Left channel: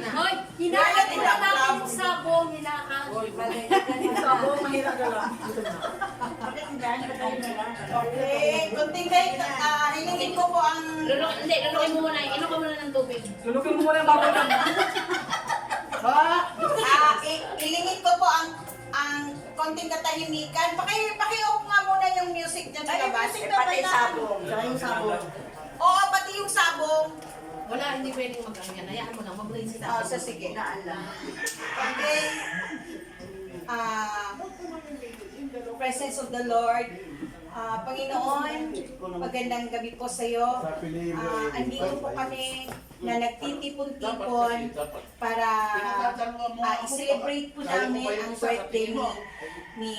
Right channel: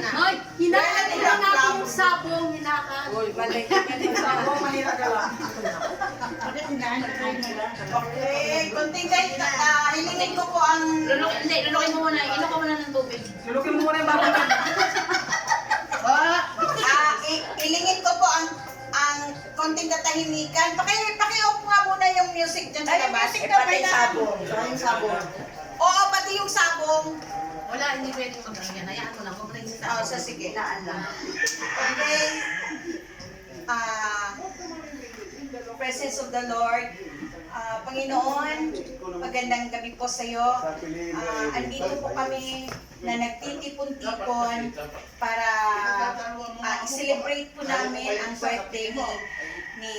Hoy, hinakan ko lang natin yung sabong, hinakan. Hoy, balik. Sabong, mahirap ka lang. Okay, kunting guys, hilingin ko po ang... Lulukin mo muna, inom ko muna ng tubig. Sulukin mo muna yung baboy ka. Hilingin ko po ang konting katahimikan. Paki-off nga muna yung music dyan sa labas. Pati sabong. Yung sabong. Oo, pati yung sabong. Wala, hindi pwedeng mag-ganyan. Hayaan mo lang, mablay si Oh, sabong. sige, naalam. Okay. Presence of the Lord. Panginoon, magandang gabi po sa iyo. Andito po kami na nagtitipon-tipon para i-celebrate po namin ang birthday ni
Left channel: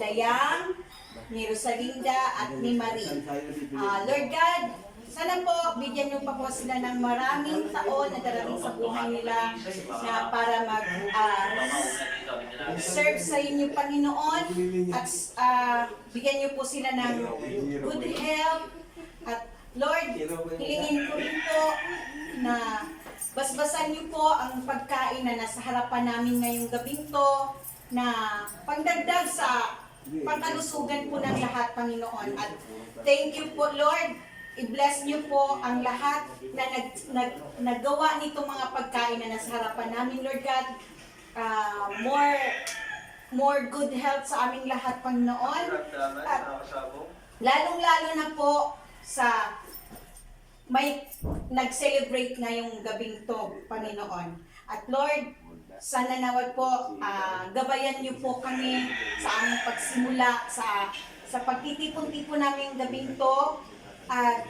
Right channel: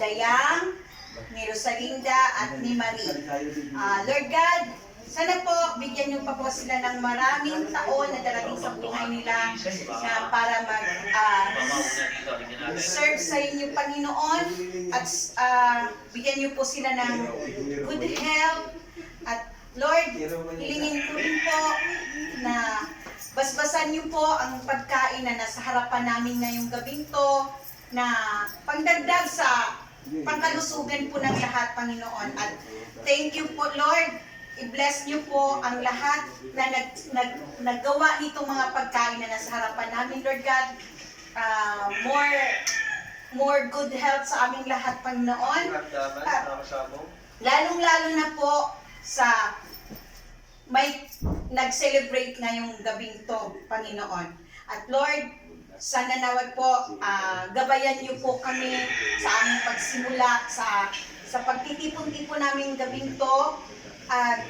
Dayang, ni Rosalinda at ni Marie. Lord God, sana po bigyan niyo pa po sila ng maraming taon na darating sa buhay nila na para serve sa inyo, Panginoon, at bigyan niyo po sila ng good health. At Lord, hilingin ko rin po na basbasan niyo po ang pagkain na nasa harapan namin ngayong gabing to na pangdagdag sa pangkalusugan po ng lahat, Panginoon. At thank you po, Lord. I-bless niyo po ang lahat na naggawa nitong mga pagkain na nasa harapan namin, Lord God. More good health sa aming lahat, Panginoon. At lalong-lalo na po sa may nag-celebrate ngayong gabing to, Panginoon. At Lord, sana naway po gabayan niyo po kami sa aming pagsimula sa pagtitipon-tipon namin gabing to. At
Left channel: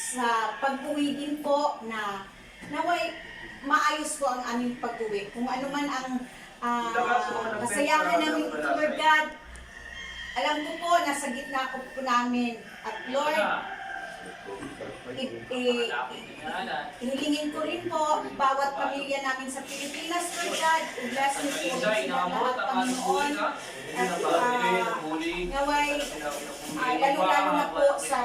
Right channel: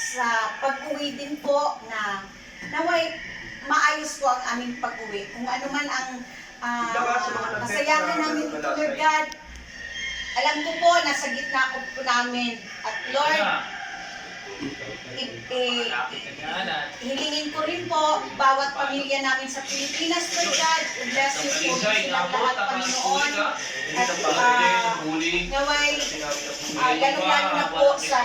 sa pag-uwi din po na naway maayos po ang aming pag-uwi. Kung ano man ang kasayahan namin ito, Lord God, alam ko po, nasa gitna po namin. At Lord, hilingin ko rin po bawat pamilya namin sa Pilipinas, Lord God. I-bless niyo po silang lahat, Panginoon. At naway, lalo-lalo na po sa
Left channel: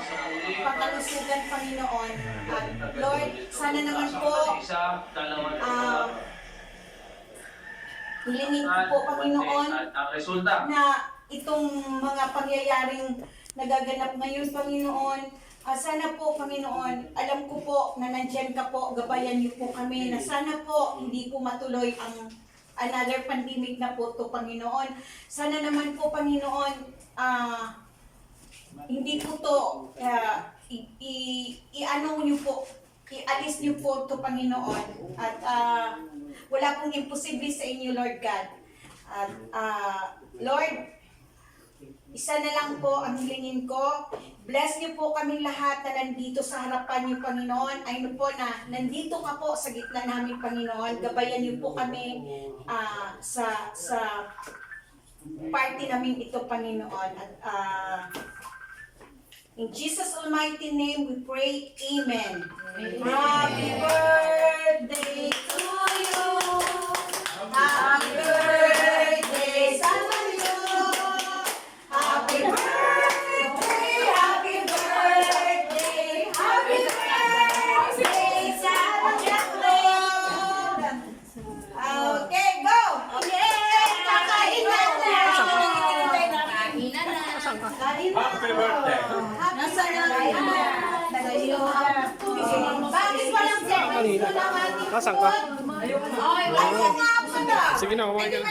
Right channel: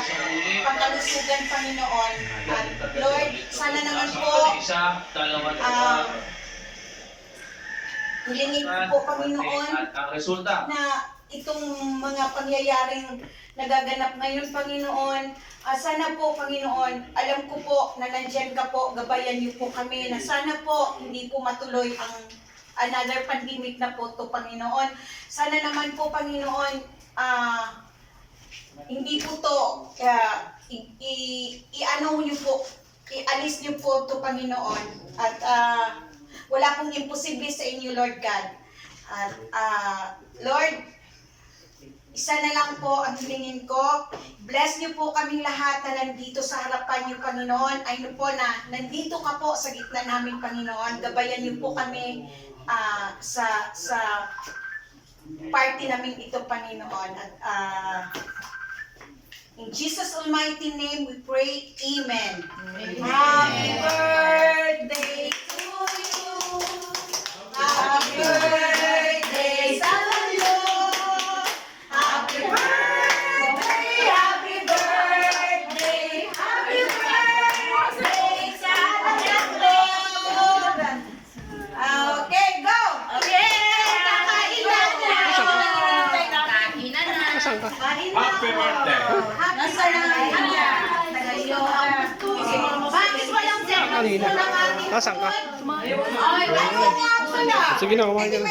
pangkalusugan, Panginoon. At Lord, sana naman po hilingin ko po, Panginoon, na itong mga pangyayaring nagaganap ngayon, Panginoon, sana po, Panginoon, alam ko po na nandyan ka po, gabayan niyo po kami, na sana po hindi po matuloy ang another pandemic na po to, Panginoon. Sana naman po, Panginoon, hindi po to, i-ano niyo po, i-alis niyo po to, Panginoon. At wala pong imposible sa inyo, Lord God. At Lord, isa na lang po ang hilingin ko. Bless niyo po kaming lahat na nandito sa harapan niyo, Panginoon. Ay po na nandito ka po sa gitna namin, Panginoon. Gabayan niyo po kami sa party namin ito, Panginoon. At in Jesus' almighty name we pray, Amen. Happy birthday to you. Happy birthday sa iyo. Happy birthday, happy birthday, happy birthday sa Lord. Okay, go! Okay, kakain na! Kahinan na. Happy birthday! Happy birthday! Bakit walang Kanina. Nasaan ka? Ay, wala nga. Sige na, kumain ka na.